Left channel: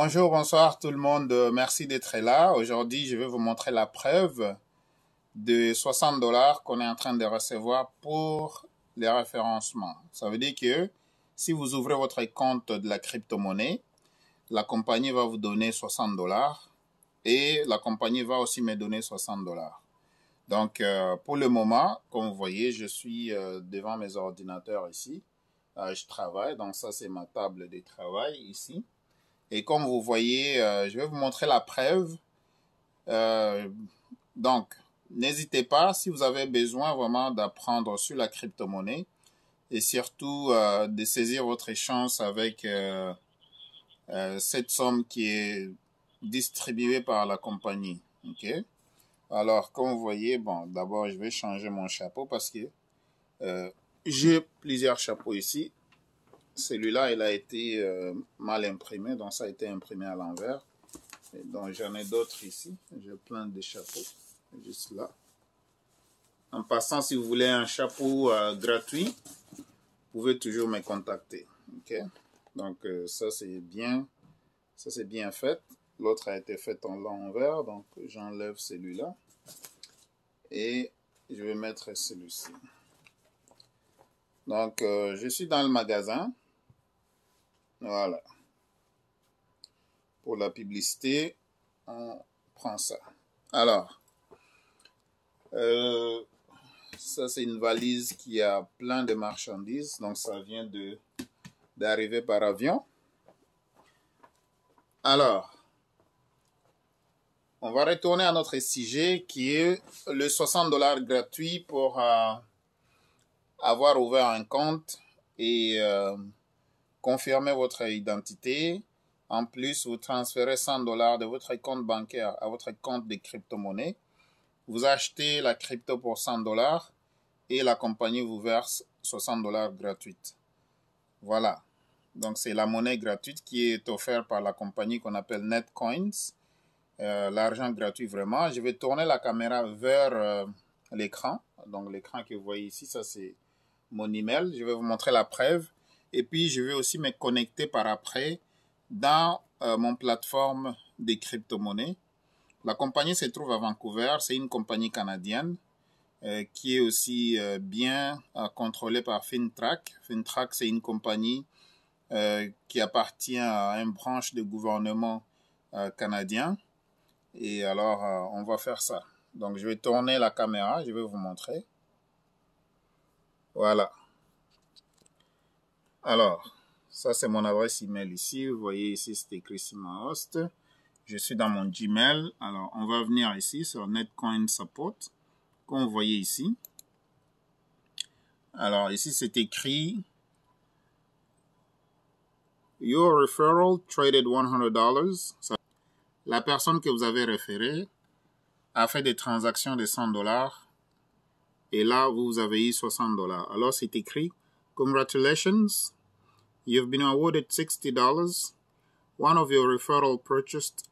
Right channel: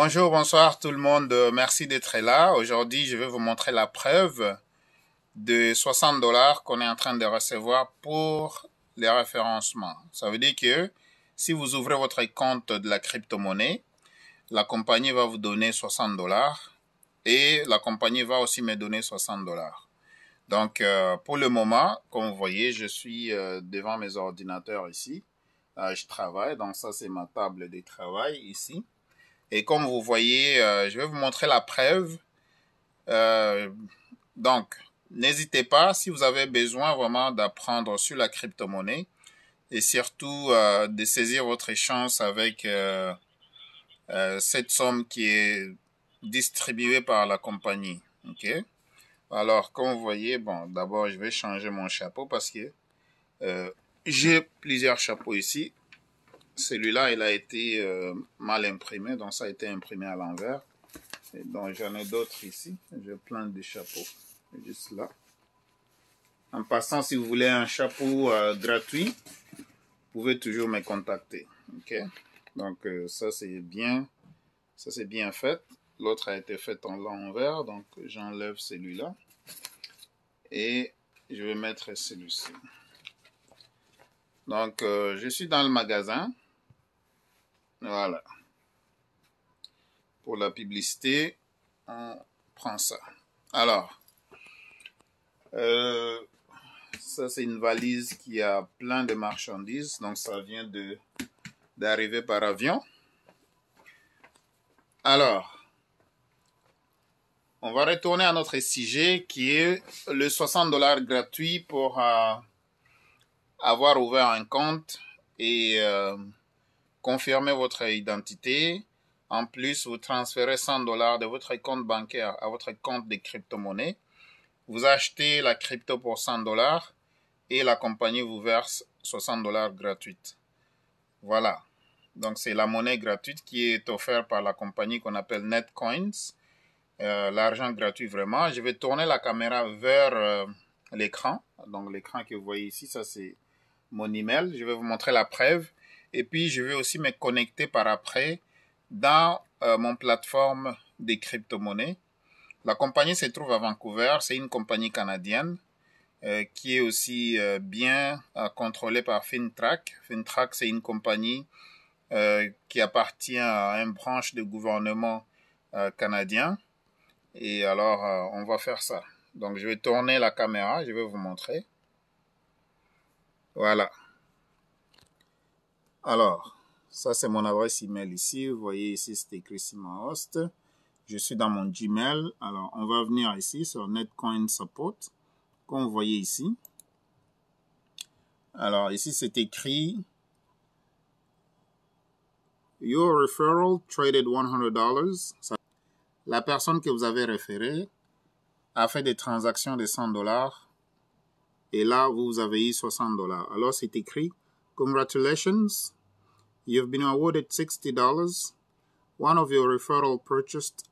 Bonjour, bonsoir tout le monde. Merci d'être là. Aujourd'hui, je vais vous montrer la preuve de 60 $ qu'on est en train de recevoir pour les référencements. Ça veut dire que si vous ouvrez votre compte de la crypto-monnaie, la compagnie va vous donner 60 $ et la compagnie va aussi me donner 60 $. Donc, pour le moment, comme vous voyez, je suis devant mes ordinateurs ici. Je travaille, donc ça c'est ma table de travail ici. Et comme vous voyez, je vais vous montrer la preuve. Donc, n'hésitez pas si vous avez besoin vraiment d'apprendre sur la crypto-monnaie et surtout de saisir votre chance avec cette somme qui est distribuée par la compagnie. Ok? Alors, comme vous voyez, bon, d'abord, je vais changer mon chapeau parce que j'ai plusieurs chapeaux ici. Celui-là, il a été mal imprimé, donc ça a été imprimé à l'envers. Donc, j'en ai d'autres ici. J'ai plein de chapeaux, juste là. En passant, si vous voulez un chapeau gratuit, vous pouvez toujours me contacter. Ok? Donc, ça, c'est bien fait. L'autre a été fait en l'envers, donc j'enlève celui-là. Et je vais mettre celui-ci. Donc, je suis dans le magasin. Voilà. Pour la publicité, on prend ça. Alors, ça c'est une valise qui a plein de marchandises. Donc, ça vient d'arriver par avion. Alors, on va retourner à notre sujet qui est le 60 $ gratuit pour avoir ouvert un compte et confirmer votre identité. En plus, vous transférez 100 $ de votre compte bancaire à votre compte de crypto-monnaie. Vous achetez la crypto pour 100 $ et la compagnie vous verse 60 $ gratuite. Voilà. Donc, c'est la monnaie gratuite qui est offerte par la compagnie qu'on appelle Netcoins. L'argent gratuit vraiment. Je vais tourner la caméra vers l'écran. Donc, l'écran que vous voyez ici, ça c'est mon email. Je vais vous montrer la preuve. Et puis, je vais aussi me connecter par après dans mon plateforme de crypto-monnaies. La compagnie se trouve à Vancouver. C'est une compagnie canadienne qui est aussi bien contrôlée par FINTRAC. FINTRAC, c'est une compagnie qui appartient à une branche de gouvernement canadien. Et alors, on va faire ça. Donc, je vais tourner la caméra. Je vais vous montrer. Voilà. Alors, ça, c'est mon adresse email ici. Vous voyez ici, c'est écrit SimaHost. Je suis dans mon Gmail. Alors, on va venir ici sur Netcoin Support. Comme vous voyez ici. Alors, ici, c'est écrit Your referral traded $100. La personne que vous avez référée a fait des transactions de 100 $. Et là, vous avez eu 60 $. Alors, c'est écrit Congratulations. You've been awarded $60. One of your referral purchased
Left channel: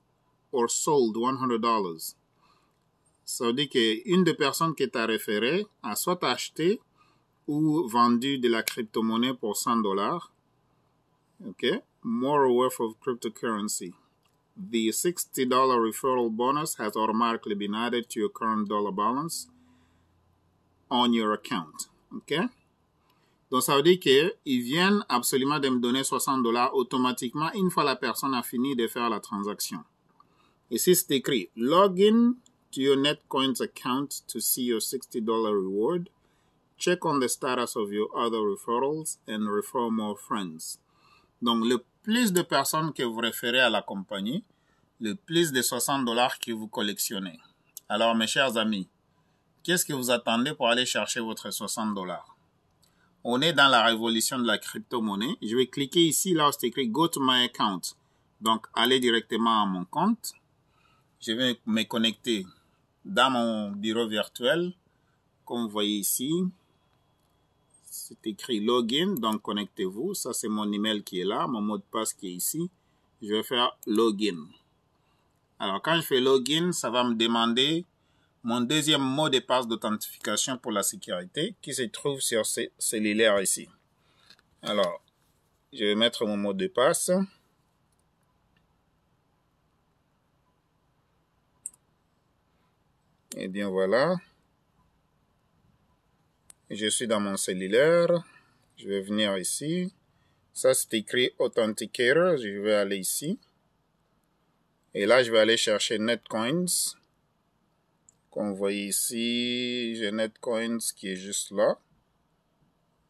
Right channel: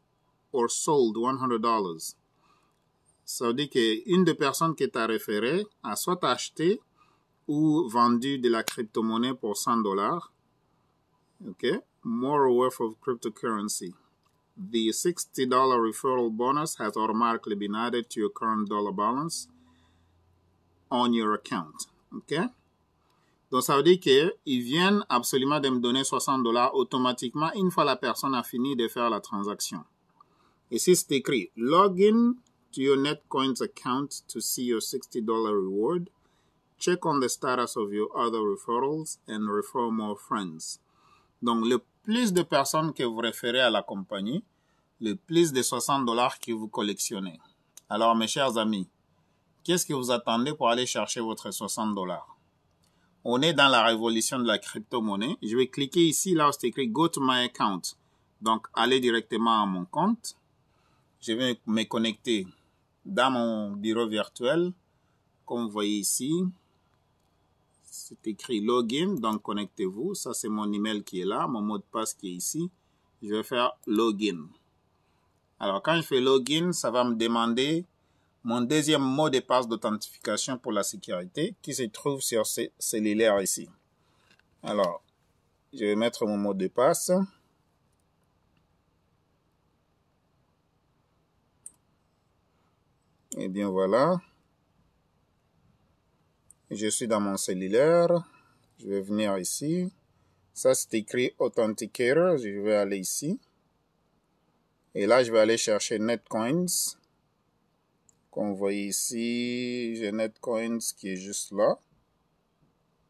or sold $100. Ça veut dire qu'une des personnes qui t'a référé a soit acheté ou vendu de la crypto-monnaie pour 100 $. OK? More worth of cryptocurrency. The $60 referral bonus has automatically been added to your current dollar balance on your account. OK? Donc, ça veut dire qu'ils viennent absolument de me donner 60 $ automatiquement une fois la personne a fini de faire la transaction. Ici, c'est écrit « Log in to your Netcoins account to see your $60 reward. Check on the status of your other referrals and refer more friends. » Donc, le plus de personnes que vous référez à la compagnie, le plus de 60 $ que vous collectionnez. Alors, mes chers amis, qu'est-ce que vous attendez pour aller chercher votre 60 $? On est dans la révolution de la crypto-monnaie. Je vais cliquer ici, là où c'est écrit « Go to my account ». Donc, aller directement à mon compte. Je vais me connecter dans mon bureau virtuel. Comme vous voyez ici, c'est écrit « Login ». Donc, connectez-vous. Ça, c'est mon email qui est là, mon mot de passe qui est ici. Je vais faire « Login ». Alors, quand je fais « Login », ça va me demander mon deuxième mot de passe d'authentification pour la sécurité qui se trouve sur ce cellulaire ici. Alors, je vais mettre mon mot de passe. Et bien voilà. Je suis dans mon cellulaire. Je vais venir ici. Ça, c'est écrit Authenticator. Je vais aller ici. Et là, je vais aller chercher Netcoins. Comme vous voyez ici, j'ai Netcoins qui est juste là.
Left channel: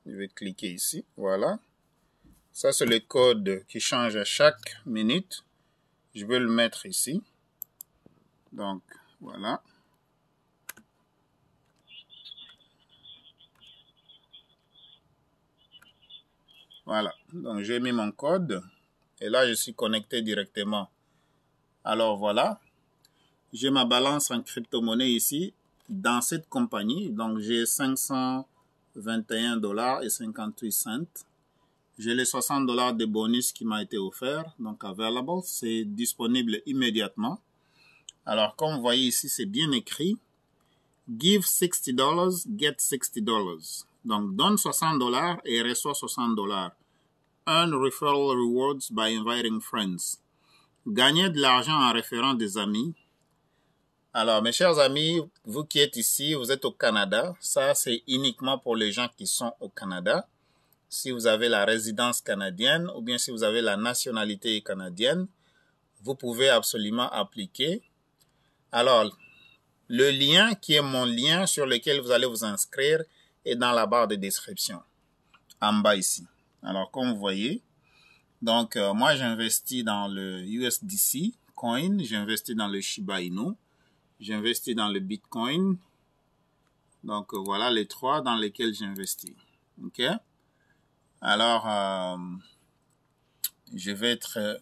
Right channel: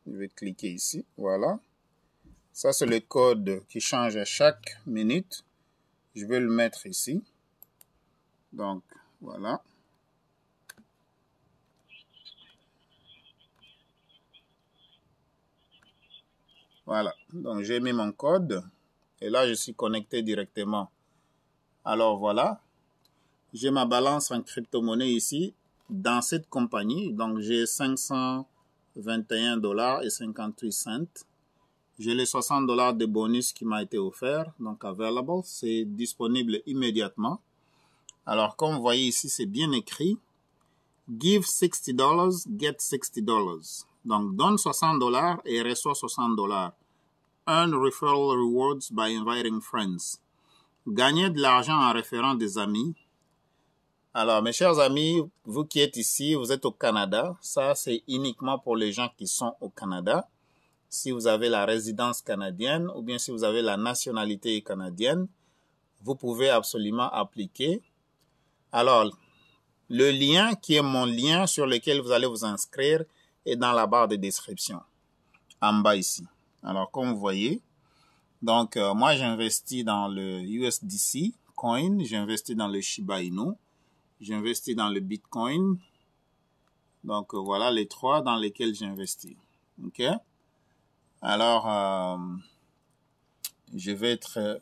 Je vais cliquer ici. Voilà. Ça, c'est le code qui change à chaque minute. Je vais le mettre ici. Donc, voilà. Voilà. Donc, j'ai mis mon code. Et là, je suis connecté directement. Alors, voilà. J'ai ma balance en crypto-monnaie ici. Dans cette compagnie, donc j'ai 521 $ et 58 cents. J'ai les 60 $ de bonus qui m'a été offert, donc available, c'est disponible immédiatement. Alors, comme vous voyez ici, c'est bien écrit. Give $60, get $60. Donc, donne 60 $ et reçois 60 $. Earn referral rewards by inviting friends. Gagner de l'argent en référant des amis. Alors, mes chers amis, vous qui êtes ici, vous êtes au Canada. Ça, c'est uniquement pour les gens qui sont au Canada. Si vous avez la résidence canadienne ou bien si vous avez la nationalité canadienne, vous pouvez absolument appliquer. Alors, le lien qui est mon lien sur lequel vous allez vous inscrire est dans la barre de description, en bas ici. Alors, comme vous voyez, donc moi j'investis dans le USDC coin, j'investis dans le Shiba Inu, j'investis dans le Bitcoin. Donc, voilà les trois dans lesquels j'investis. OK? Alors, je vais être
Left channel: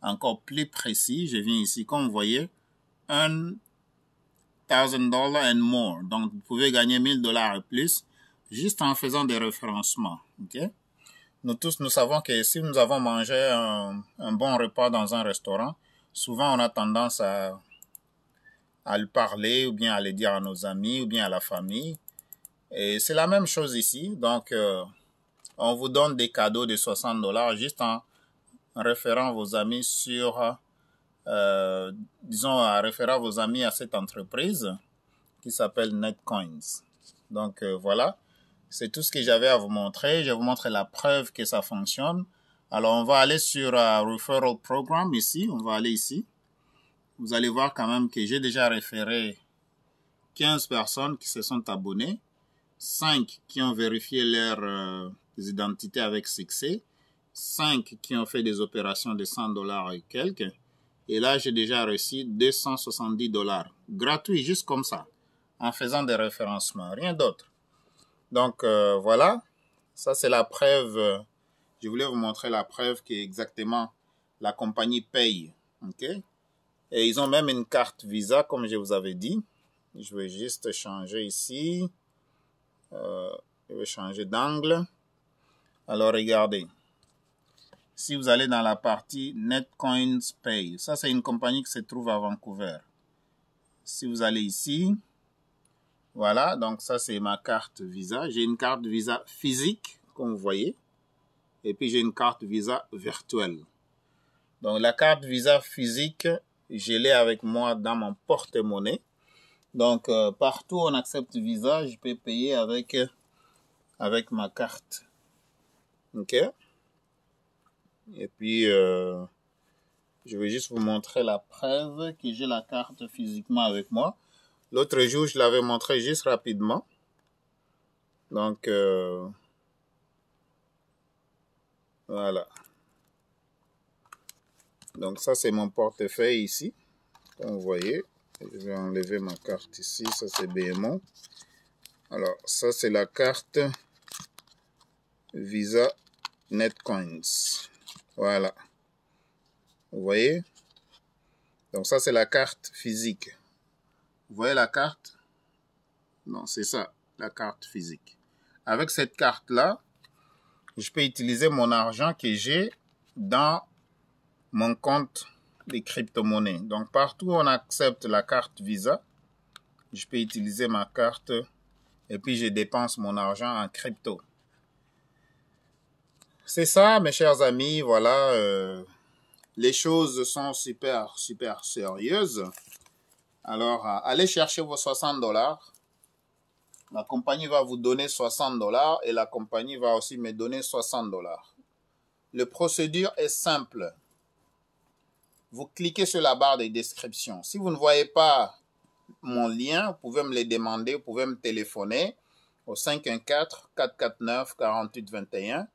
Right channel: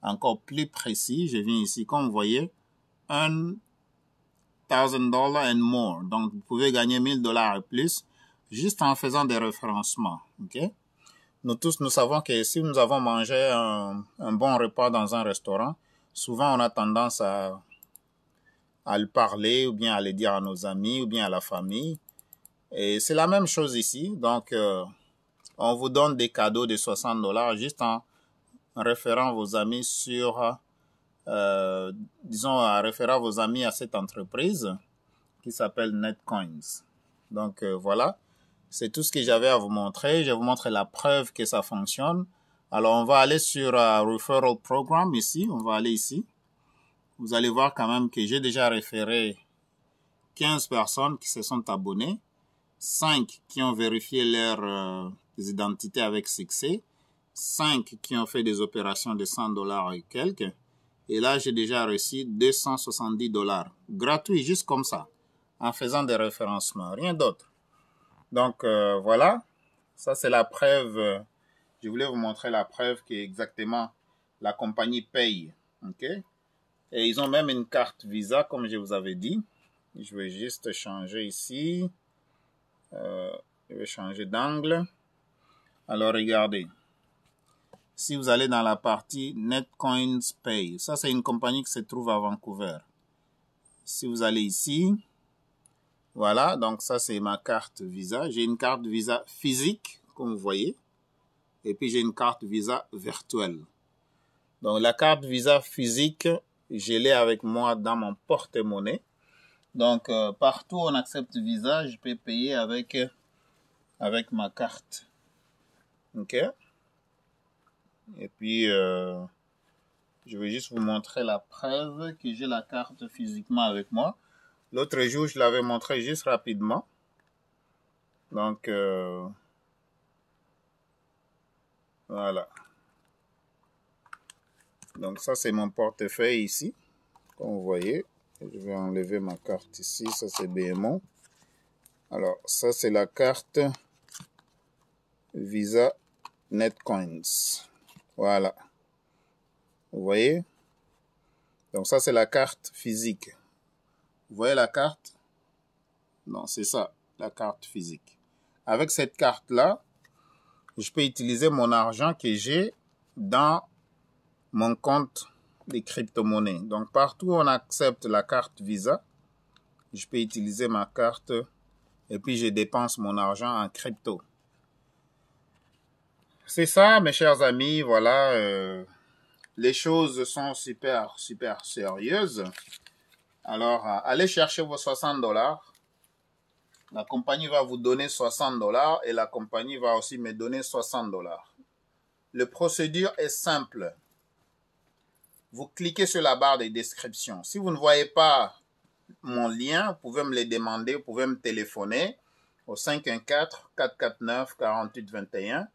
encore plus précis. Je viens ici, comme vous voyez, $1,000 and more. Donc, vous pouvez gagner 1000 $ et plus juste en faisant des référencements. OK? Nous tous, nous savons que si nous avons mangé un bon repas dans un restaurant, souvent on a tendance à le parler ou bien à le dire à nos amis ou bien à la famille. Et c'est la même chose ici. Donc, on vous donne des cadeaux de 60 $ juste en référant vos amis sur, disons, en référant vos amis à cette entreprise qui s'appelle Netcoins. Donc, voilà. C'est tout ce que j'avais à vous montrer. Je vais vous montrer la preuve que ça fonctionne. Alors, on va aller sur Referral Program ici. On va aller ici. Vous allez voir quand même que j'ai déjà référé 15 personnes qui se sont abonnées, 5 qui ont vérifié leurs identités avec succès, 5 qui ont fait des opérations de 100 $ et quelques. Et là, j'ai déjà reçu 270 $. Gratuit, juste comme ça, en faisant des référencements, rien d'autre. Donc, voilà. Ça, c'est la preuve. Je voulais vous montrer la preuve que exactement la compagnie paye. OK? Et ils ont même une carte Visa, comme je vous avais dit. Je vais juste changer ici. Je vais changer d'angle. Alors, regardez. Si vous allez dans la partie Netcoins Pay, ça, c'est une compagnie qui se trouve à Vancouver. Si vous allez ici, voilà, donc ça, c'est ma carte Visa. J'ai une carte Visa physique, comme vous voyez. Et puis, j'ai une carte Visa virtuelle. Donc, la carte Visa physique, je l'ai avec moi dans mon porte-monnaie. Donc, partout où on accepte Visa, je peux payer avec ma carte. OK? Et puis, je vais juste vous montrer la preuve que j'ai la carte physiquement avec moi. L'autre jour, je l'avais montré juste rapidement. Donc, voilà. Donc, ça, c'est mon portefeuille ici. Comme vous voyez, je vais enlever ma carte ici. Ça, c'est BMO. Alors, ça, c'est la carte Visa Netcoins. Voilà. Vous voyez? Donc, ça, c'est la carte physique. Vous voyez la carte? Non, c'est ça, la carte physique. Avec cette carte-là, je peux utiliser mon argent que j'ai dans mon compte de crypto-monnaie. Donc, partout où on accepte la carte Visa, je peux utiliser ma carte et puis je dépense mon argent en crypto. C'est ça, mes chers amis. Voilà, les choses sont super sérieuses. Alors, allez chercher vos 60 dollars. La compagnie va vous donner 60 dollars et la compagnie va aussi me donner 60 dollars. La procédure est simple. Vous cliquez sur la barre de description. Si vous ne voyez pas mon lien, vous pouvez me le demander, vous pouvez me téléphoner au 514-449-4821.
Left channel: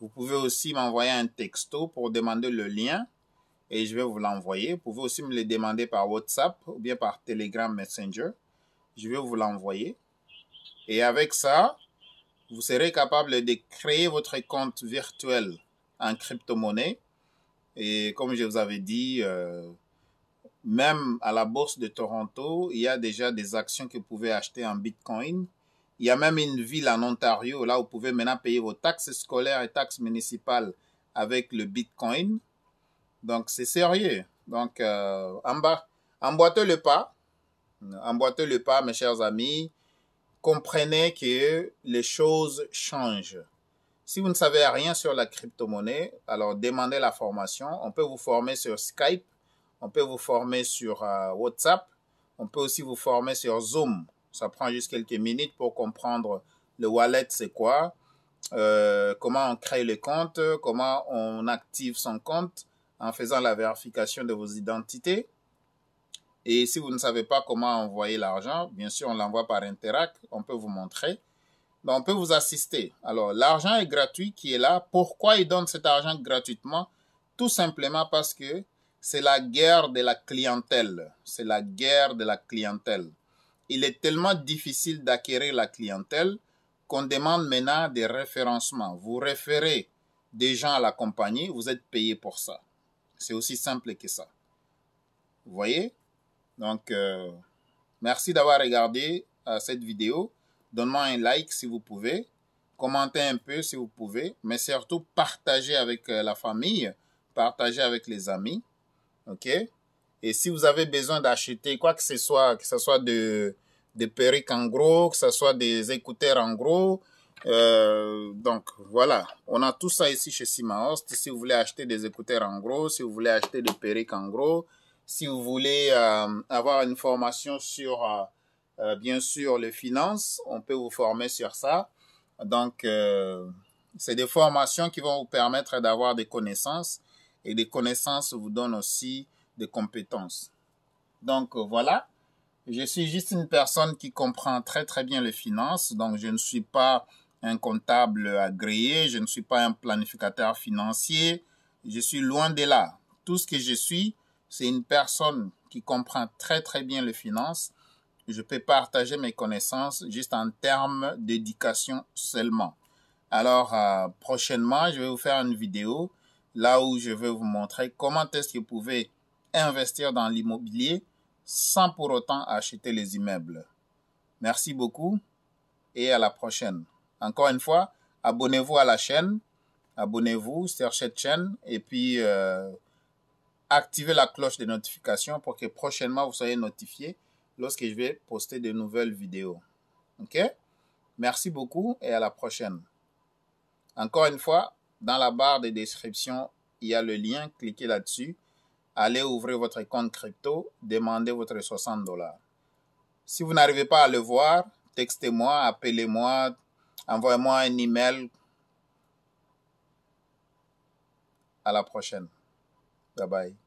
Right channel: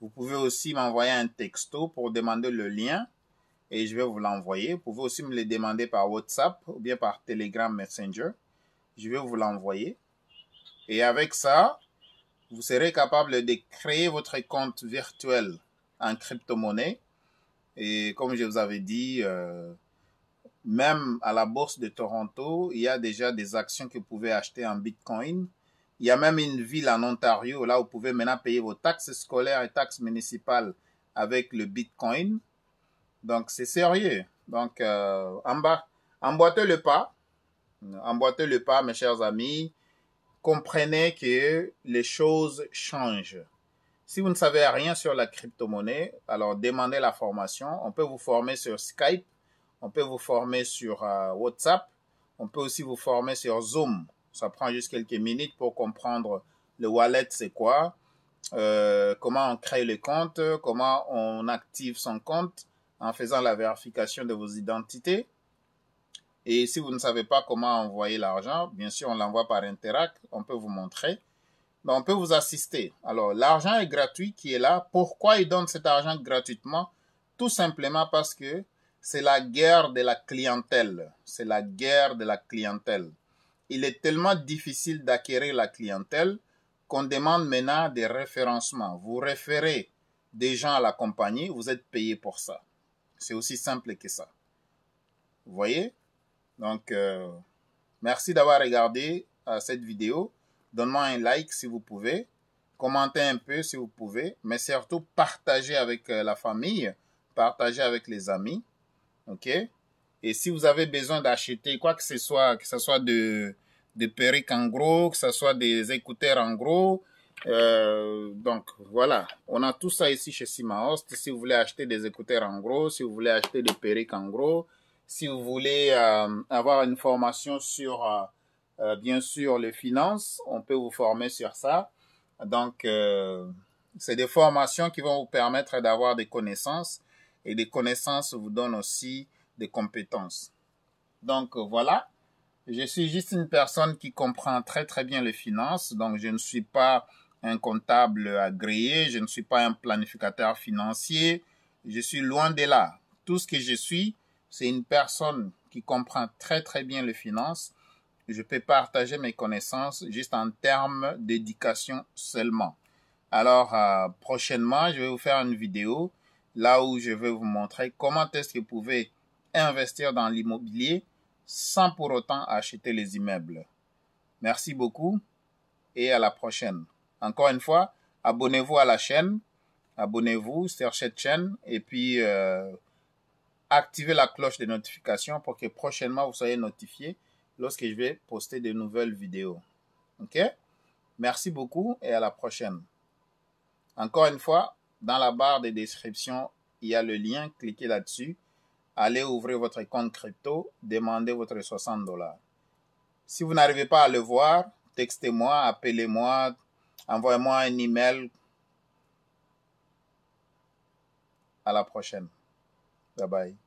Vous pouvez aussi m'envoyer un texto pour demander le lien et je vais vous l'envoyer. Vous pouvez aussi me le demander par WhatsApp ou bien par Telegram Messenger. Je vais vous l'envoyer. Et avec ça, vous serez capable de créer votre compte virtuel en crypto-monnaie. Et comme je vous avais dit, même à la bourse de Toronto, il y a déjà des actions que vous pouvez acheter en Bitcoin. Il y a même une ville en Ontario, là où vous pouvez maintenant payer vos taxes scolaires et taxes municipales avec le Bitcoin. Donc, c'est sérieux. Donc, emboîtez le pas. Emboîtez le pas, mes chers amis. Comprenez que les choses changent. Si vous ne savez rien sur la crypto-monnaie, alors demandez la formation. On peut vous former sur Skype. On peut vous former sur WhatsApp. On peut aussi vous former sur Zoom. Ça prend juste quelques minutes pour comprendre le wallet, c'est quoi, comment on crée le compte, comment on active son compte en faisant la vérification de vos identités. Et si vous ne savez pas comment envoyer l'argent, bien sûr, on l'envoie par Interac. On peut vous montrer. Donc, on peut vous assister. Alors, l'argent est gratuit qui est là. Pourquoi ils donnent cet argent gratuitement? Tout simplement parce que c'est la guerre de la clientèle. C'est la guerre de la clientèle. Il est tellement difficile d'acquérir la clientèle qu'on demande maintenant des référencements. Vous référez des gens à la compagnie, vous êtes payé pour ça. C'est aussi simple que ça. Vous voyez? Donc, merci d'avoir regardé cette vidéo. Donne-moi un like si vous pouvez. Commentez un peu si vous pouvez. Mais surtout, partagez avec la famille. Partagez avec les amis. OK? Et si vous avez besoin d'acheter quoi que ce soit de perruques en gros, que ce soit des écouteurs en gros, donc voilà, on a tout ça ici chez Simahost. Si vous voulez acheter des écouteurs en gros, si vous voulez acheter des perruques en gros, si vous voulez avoir une formation sur, bien sûr, les finances, on peut vous former sur ça. Donc, c'est des formations qui vont vous permettre d'avoir des connaissances et des connaissances vous donnent aussi des compétences. Donc, voilà. Je suis juste une personne qui comprend très très bien les finances. Donc, je ne suis pas un comptable agréé. Je ne suis pas un planificateur financier. Je suis loin de là. Tout ce que je suis, c'est une personne qui comprend très très bien les finances. Je peux partager mes connaissances juste en termes d'éducation seulement. Alors, prochainement, je vais vous faire une vidéo là où je vais vous montrer comment est-ce que vous pouvez investir dans l'immobilier sans pour autant acheter les immeubles. Merci beaucoup et à la prochaine. Encore une fois, abonnez-vous à la chaîne, abonnez-vous sur cette chaîne et puis activez la cloche de notification pour que prochainement vous soyez notifié lorsque je vais poster de nouvelles vidéos. OK? Merci beaucoup et à la prochaine. Encore une fois, dans la barre de description, il y a le lien, cliquez là-dessus. Allez ouvrir votre compte crypto, demandez votre 60 dollars. Si vous n'arrivez pas à le voir, textez-moi, appelez-moi, envoyez-moi un email. À la prochaine. Bye bye.